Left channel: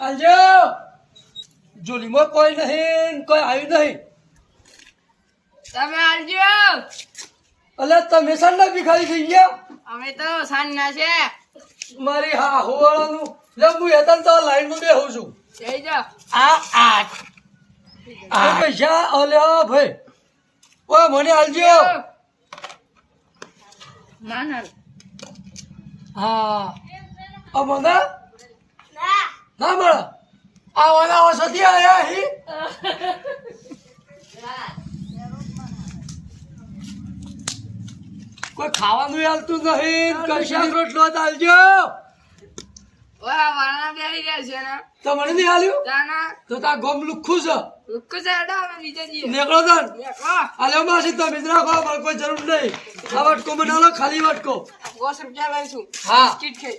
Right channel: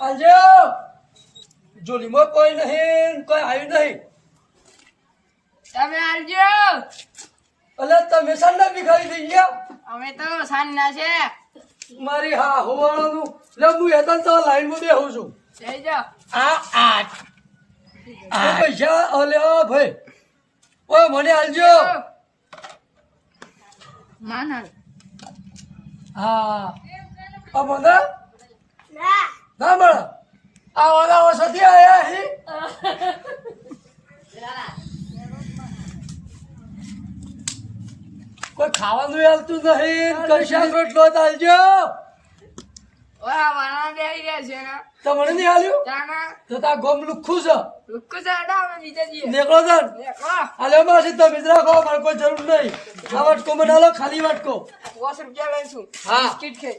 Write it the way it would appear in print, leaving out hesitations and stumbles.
આલજો જોલીમાં કોઈ નહીં કોઈ આવ્યું નહીં તમે આવજો. અલે તમે સાંડા ભિખારી થઈ ગયા અમે તો સાંજના છે. મારી હા હોવાળાનું લે હું હેતન તો લાઈનમાં બેહું છું જઈ જાઓ. પૈસા અલ્યા ભાઈ ઓય મને આલજો માનલ. હા મને ના મળે આ ઓલા ઓછોથી આયા હી કોઈ ખાવાનું હાલતું નહીં કશા રોટલો ચાલજો ઓય વાના બેહી ગયા છે ને. તમને નહીં હાલ્યું તાના તો તા ગોમ લુખું છે લુક્કો ચાડા અમે નીચે જઈએ. નીકળો તન વાહ, આલ્યો માસી તમે જ રાખો મારે કોઈ જરૂર નહીં આ વટકો બનાવો ખાલી વટકો 50 રૂપિયા લઈશું. હા બિસ્કિટ ખાઈ.